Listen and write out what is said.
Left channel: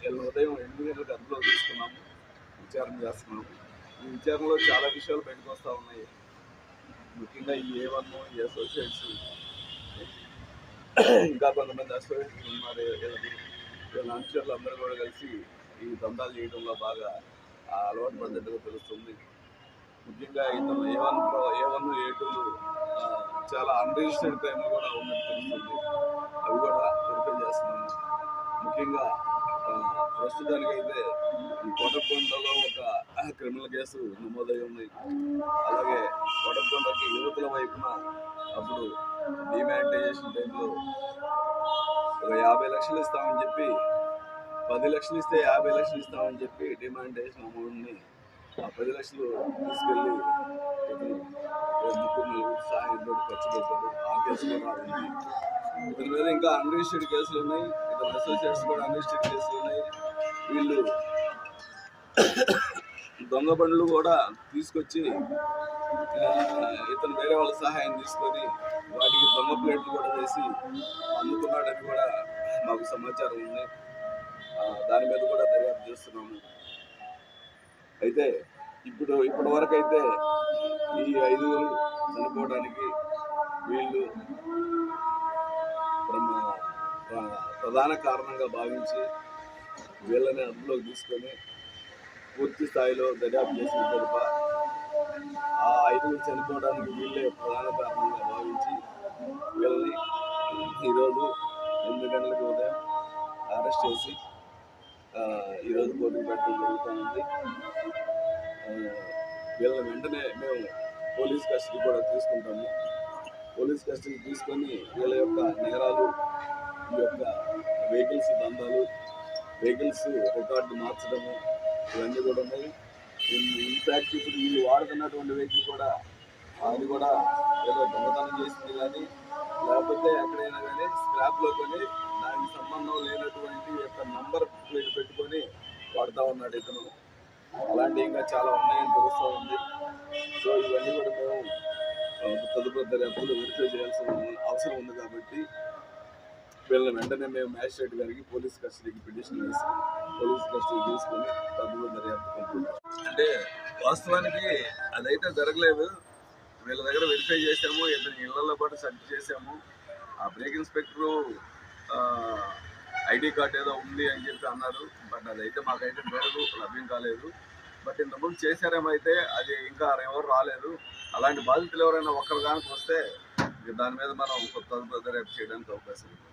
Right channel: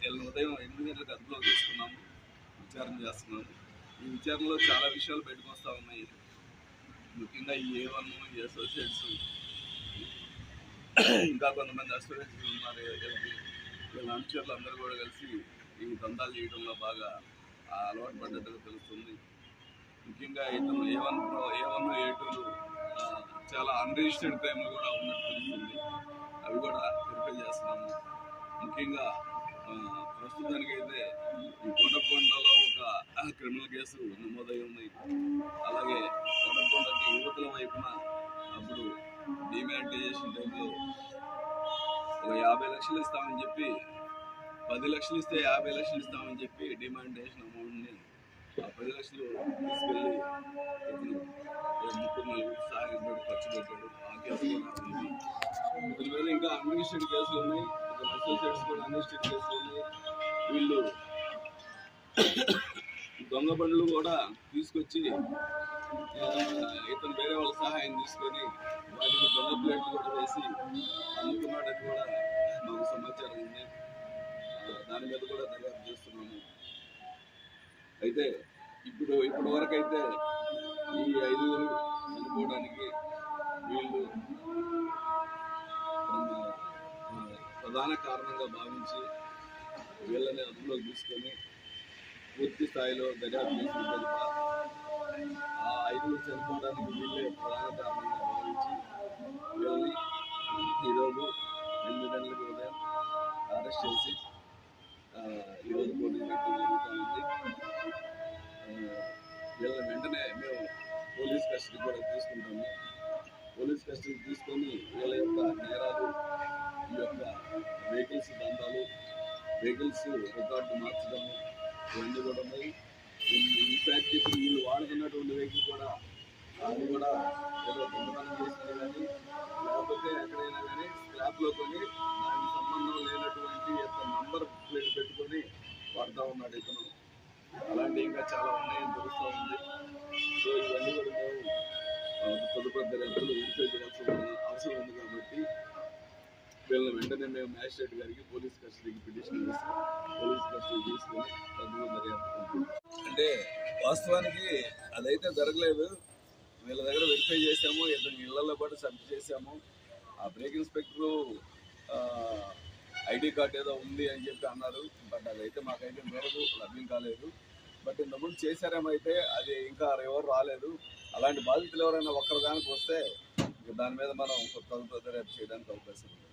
వీళ్ళ ఉదయం ఎనిమిది గంటలకు అదుపులో తీసుకున్నాము. విచారణ చేస్తున్నాము. ఈ విచారణలో చాలా విషయాలు బయటకు వస్తూ ఉన్నాయి. ముఖ్యంగా ఈ ఏ వన్ ఈ అసోసియేట్స్ ఇంకా కొంతమంది అసోసియేట్స్ ఉన్నారు. వీళ్ళకి వీళ్ళ అనుచరులు అందరూ కూడా కలిసి ఈ దందాలు చేయడంలో బాగా ఆ, అలవాటు పడ్డట్టుగా తెలుస్తుంది. ముఖ్యంగా ఇతను A one A one A tool చాలా అన్రిజిస్టర్డ్ క్రైమ్లు కూడా ఉన్నట్టు తెలుస్తుంది. అవి కూడా వెరిఫై చేస్తున్నాము. ముఖ్యంగా ప్రస్తుతానికైతే కొడకొండలో ఒక క్రిమినల్ కేసు నమోదై ఉంది. అలాగే కొడకొండకి యువతుల వైపున అప్పుడు డిమానిటైజేషన్ టైంలో ఒక యాభై లక్షలు ఇస్తామని చెప్పి పది లక్షలు ఇస్తే యాభై లక్షలు ఇస్తామని చెప్పి డిమానిటైజేషన్ అమౌంట్ని ఆ పది లక్షలు తీసుకెళ్ళి ముగ్గురు నలుగురు సహాయంతో ఖర్చు పెట్టాడు. ఆ కేసు కూడా ఇతని మీద ఇంకా అన్రిజిస్టర్డ్ కేసులు ఉన్నాయి. ఇతని అసోసియేట్స్ కూడా అన్రిజిస్టర్డ్ కేసులు ఉన్నాయి. వీళ్ళు దొంగ బండ్లు కూడా తీసుకొచ్చి ఇతను వేరే వాళ్ళ సహాయం తీసుకొని వాటికి దొంగ ప్లేట్లు కూడా వేసి అమ్ముతున్నాడని కూడా మాకు సమాచారం ఉంది. దాని మీద కూడా దర్యాప్తు చేస్తున్నాము. అయితే ఇప్పుడు ఇప్పటి వరకు అయితే ఈ ఐదుగురు చనిపోవడానికి వీళ్ళు ప్రమ- ప్రధాన కారణంగా భావించి వీళ్ళని అదుపులోకి తీసుకొని పూర్తి స్థాయిలో దర్యాప్తు చేసిన తరప ఆ ఐదుగురు చనిపోవడానికి వీళ్ళే ప్రధాన కారణంగా భావించి వీళ్ళని ఈరోజు ఎనిమిది గంటలకు ఉదయం అరెస్ట్ చేసి ఈరోజు కోర్టుకు పెట్టడం జరుగుతుంది. వీళ్ళని వెంటనే మేము పోలీస్ కస్టడీ కూడా తీసుకుంటాము. పోలీస్ కస్టడీ తీసుకొని వీళ్ళ యొక్క నేరాలు ఈ యొక్క వెహికల్స్ దందాలు వెహికల్స్ రికార్డు మార్చడము ఇవన్నీ కూడా ఉన్నాయి. ఇన్ఫ్యాక్ట్ ఇప్పుడు వీళ్ళు వాడుతున్నటువంటి వెహికల్ కూడా అది కూడా ఏదో దొంగతనం చేసింది కానీ లేకపోతే ఎక్కడైనా కానీ స్క్రాప్లో కొని దానికి సంబంధం లేనటువంటి యొక్క నంబర్ ప్లేట్ పెట్టుకొని వాడుతూ ఉన్నాడు ఇతను. అలాంటివి ఇంకా చాలా ఉన్నాయని తెలుస్తూ ఉంది. సో ఇవన్నీ కూడా మేము తదుపరి దర్యాప్తులు వెరిఫై చేయాల్సిన అవసరం ఉంది కాబట్టి వీళ్ళని వెంటనే మేము మ్యాజిస్ట్రేట్ గారికి పోలీస్ కస్టడీకి పిటిషన్ వేసి పోలీస్ కస్టడీ తీసుకొని తదుపరి దర్యాప్తు అంటే వాస్తవానికి అదైతే జరగలేదు. వీళ్ళ దగ్గర వెరిఫై చేసాము ఇద్దరు ఇళ్ళలో పాటు సెర్చ్ చేసాము ఆ బ్రేక్ ఇన్స్పెక్టరు ఐడి కార్డ్ ఏదో ఉంది అని చెప్పి అన్నారు. బట్ అదైతే మాకైతే మేరకు లభ్యం కాలేదు. బట్ ఇంతకుముందు చేశారేమో అయితే అది ఇంకా ఎవరు రాలేదు. అలాంటి బాధితులు ఎవరైనా ఒక్కరు కానీ వస్తే దాని మీద మనం కొత్త దర్యాప్తు చేయడానికి అవకాశం ఉంది.